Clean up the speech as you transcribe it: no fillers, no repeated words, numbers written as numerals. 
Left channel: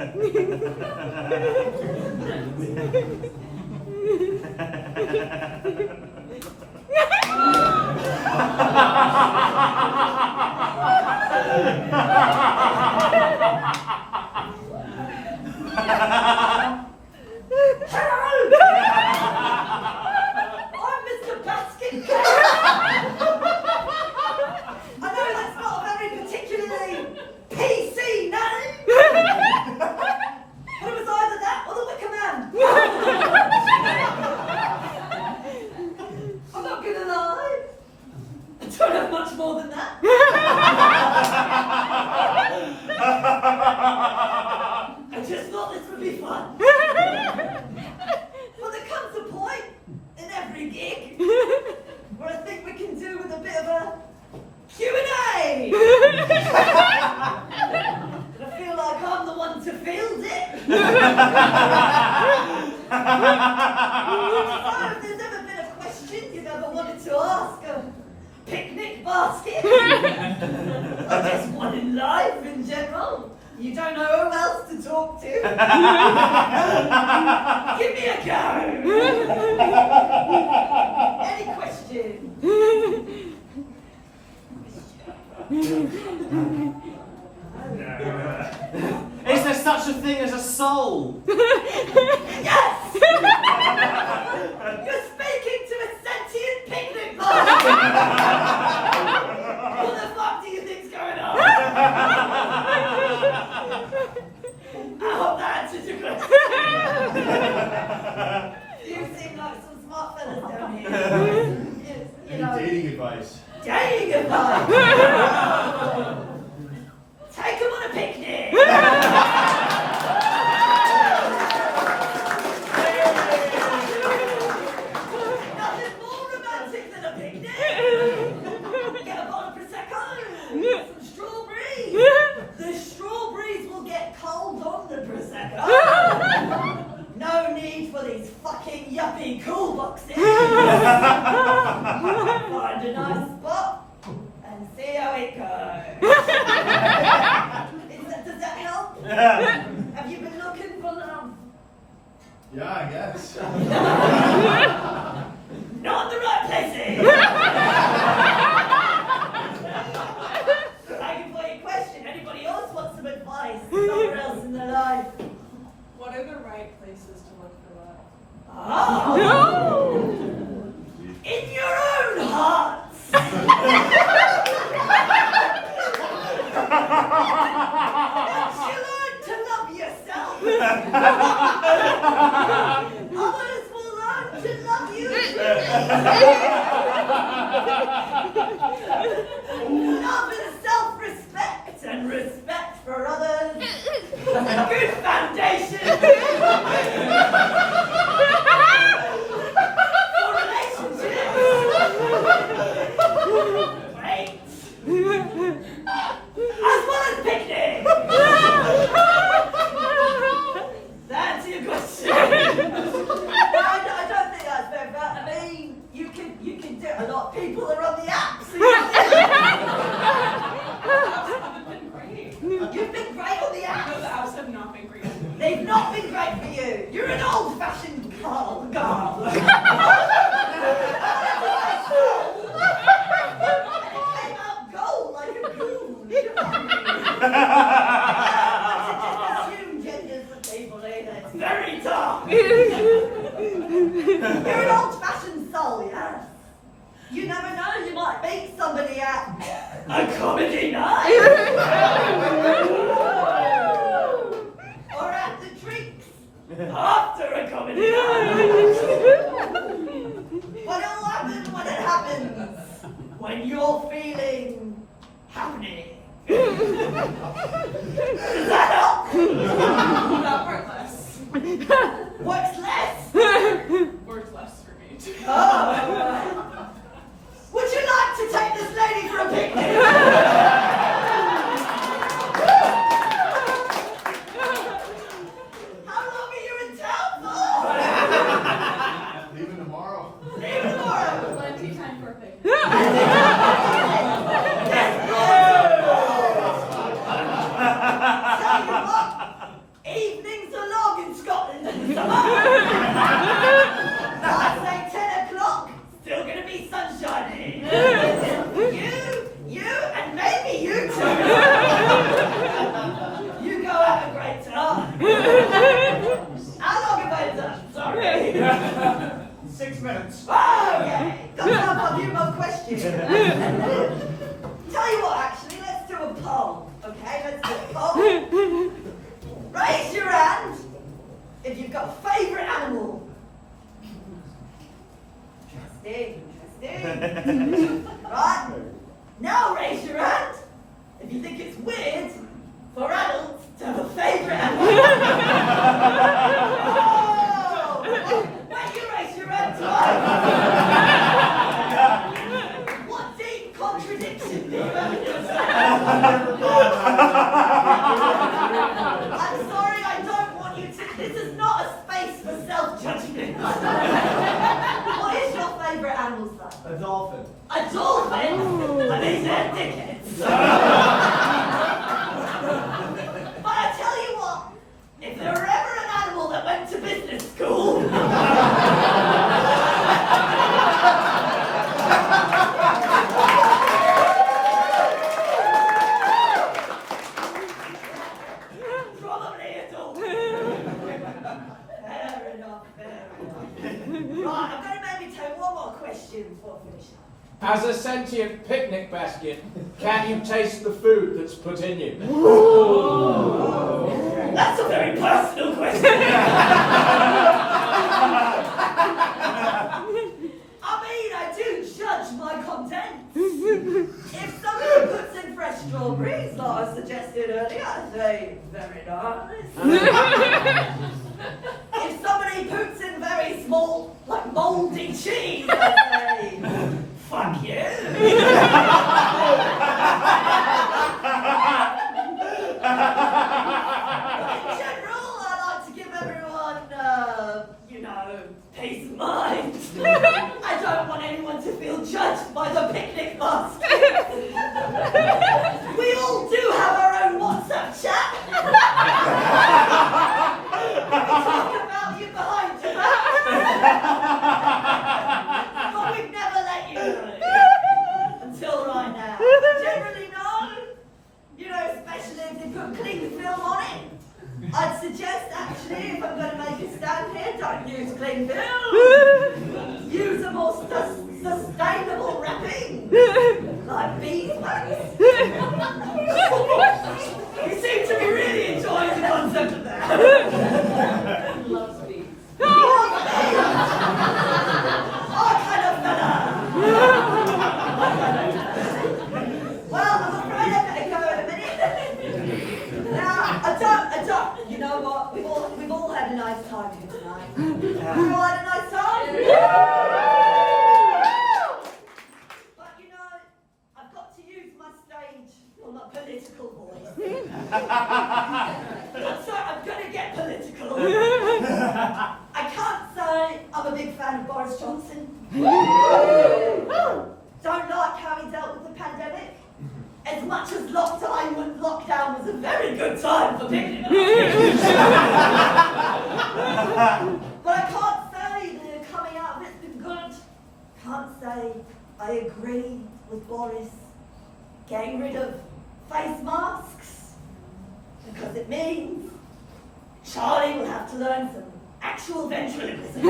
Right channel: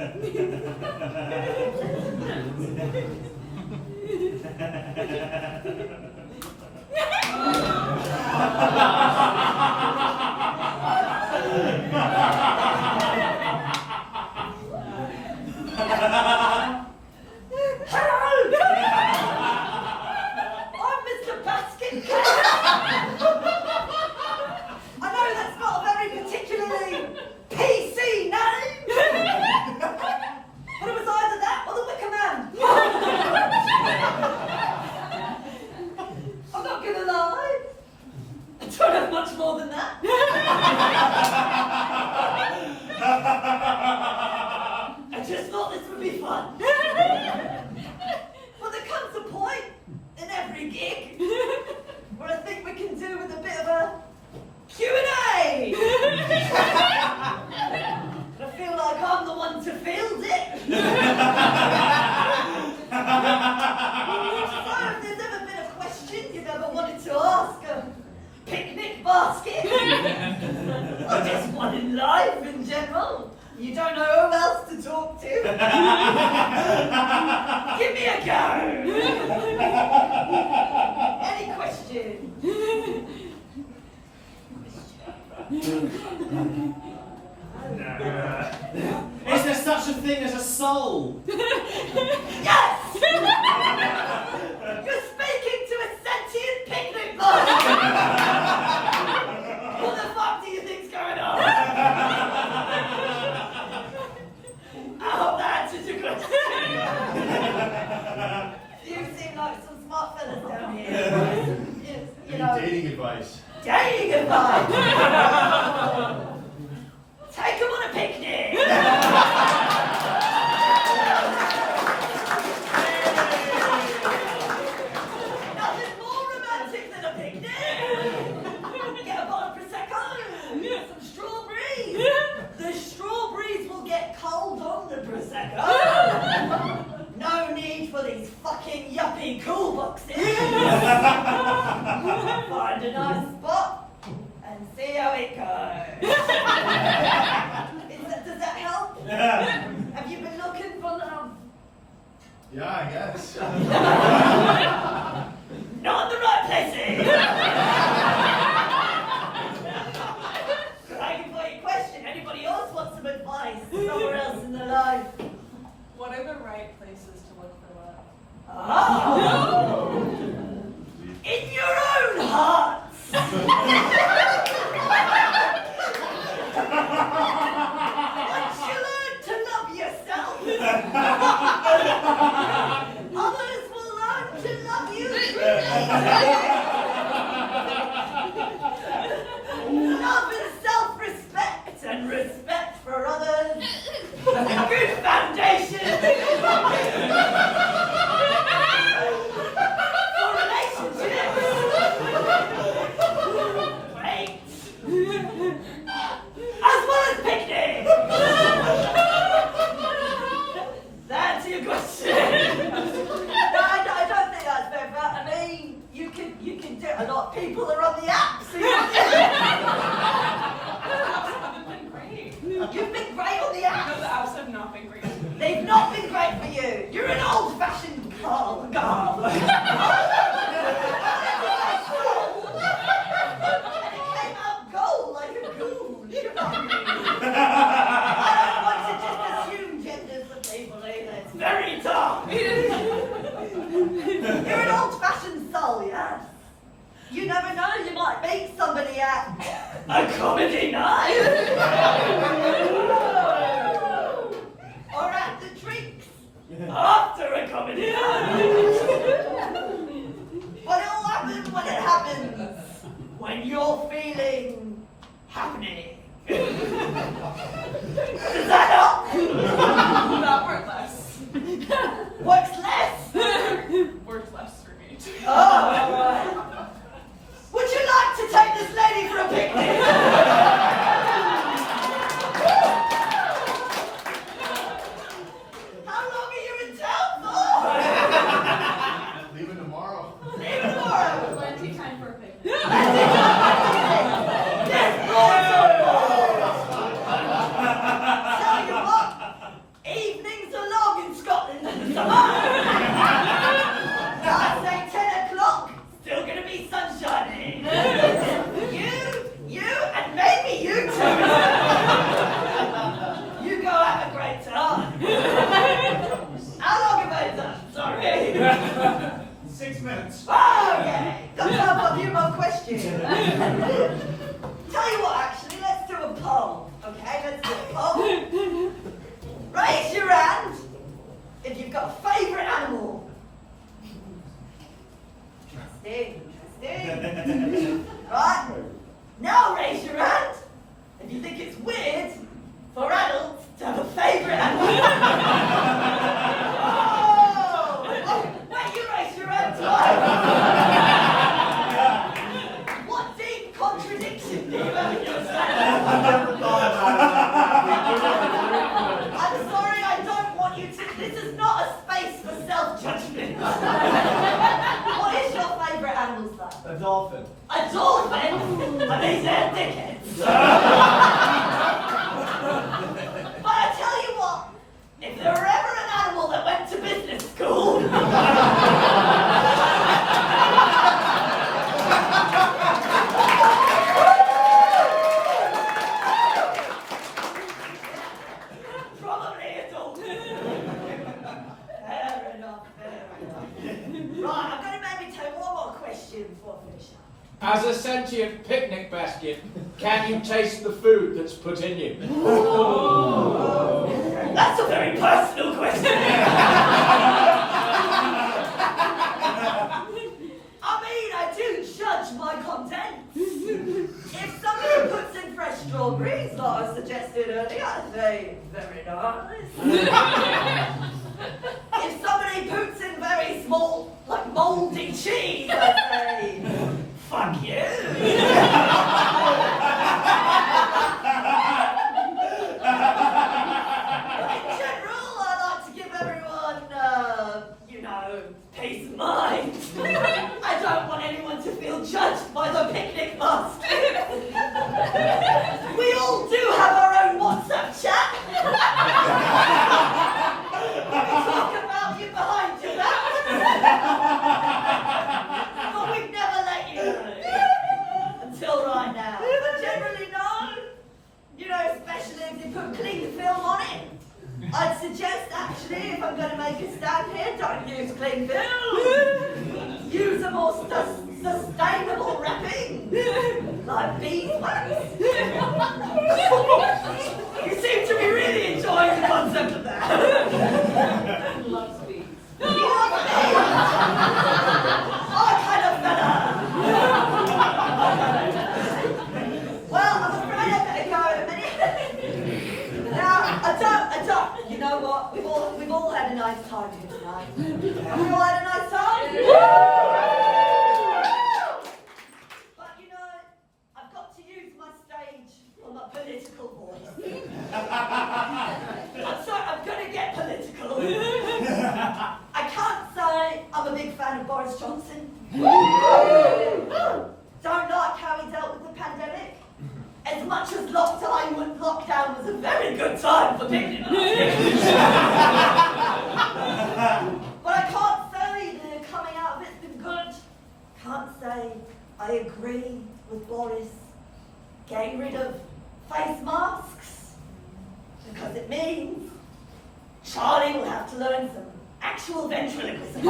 I'm Mr. Basketcase. I know that's not a very particularly PC name. But it was either that or the Wicker Man. I'm not gonna lie. I don't have much more than that. I just thought this would be fun. Well, there comes a point in every gig where I think we can do with a bit of a Q&A. I feel like I'm the one to field it. So if there's ever been a question you've ever wanted to ask a picnic basket, or just one in life in general, you don't know who else to talk to, give me a go. Any questions? Is there such a thing as a soul? Yes! You're speaking to a sentient picnic basket! What the fuck do you think's going on? I hope that answers your question. You seem like some smart fellas down here. You know, dating advice. dating advice! Take them on a picnic! Nothing more romantic than a picnic! Get a bottle of Prosecco, some strawberries. The strawberries will get cold on the Prosecco. No need for these fucking yuppie cool boxes. Find a nice spot and see how it goes. Does that help? Have you been looking for love? Yeah, I guess. Not in the right places! Thank you for your question. Anybody else want some advice? Somewhere else in their life? What are the right places to look for love? Oh! In your own heart! Once you learn to love yourself, others will learn to love you truly. Love is self-respect and respect for others. Good foundation for relationships. Great. As well as picnics. That's your question. No, I don't think that's fair, but I mean, you can do it. A lot of people are on the app, so you've been great on the app. No, the apps have not been great. They've not been great for you. You're an old-fashioned girl. And it came out gold like a goon. I don't want to just assume genders for people either. It's very tough. You're an old-fashioned soul, yeah? You never know, you might meet somebody at a comedy night. Or at the drinks after a comedy night. But it'll happen when it happens. When you're feeling happening. Does that help? That worked less. Works less? Worked less for me. Oh. Would you like to take this lady for a picnic? How long are you in town for? Leaving tomorrow. Leaving tomorrow. Plenty time for a picnic. Tell basement. Okay, got time for a few more questions. Tell you what, actually, let's do a poll. Okay, let's do a poll. Raise your hand if you've got a favourite animal. Interesting. Right? Now raise your hand if you think it's weird for adults to have a favourite animal. Oh, wait, you raise your hand twice. What deep contradiction do you have in your sentence? I'm sorry, I don't want you to. This is not a space for self-judgment. What is your favourite animal, son? A dolphin. A dolphin? I mean, they're dickheads. But I tell you what, if there were ever an animal that went to business school, probably a dolphin. Fair enough, fair enough. Right, I'm going to maybe take one more question before I finish up. As a sentient picnic basket, can you taste the food that's put in you? That's a very personal question. I mean, I do judge my content. If somebody puts in fresh strawberries, like I suggested earlier, I say, very nice. If somebody puts in very small, like mouldy cheese, I say, fuck you. In general, I like to give everyone, peace of mind. I don't want anyone to feel judged by the picnic basket. We all do have our own WhatsApp chat. We talk about you behind your back. But we've never let you know. Until right now. But generally, no. Especially if they put clean film on it. I'd suggest, actually, if I'm going to make a stand here, don't use clean film. Use a more sustainable wrapping, like beeswax. You seem to be really enjoying the concept of that. Loves beef. Oh, kind of fella. Well, I'm afraid I better go in a minute. Now, I don't. You know what? We've all had a nice time here tonight. We've all had a nice time. But I've got to use my stage for my political voice. I'm going to get political. I can't say I'm a big fan of Boris Johnson. Don't like how he dealt with the pandemic. As much as lockdown was a very good time for picnic baskets. But I can't say the coming out of it's been good. Can't say I agree with Boris getting rid of face masks. Because it means Charlie will have to learn some actual ventriloquism.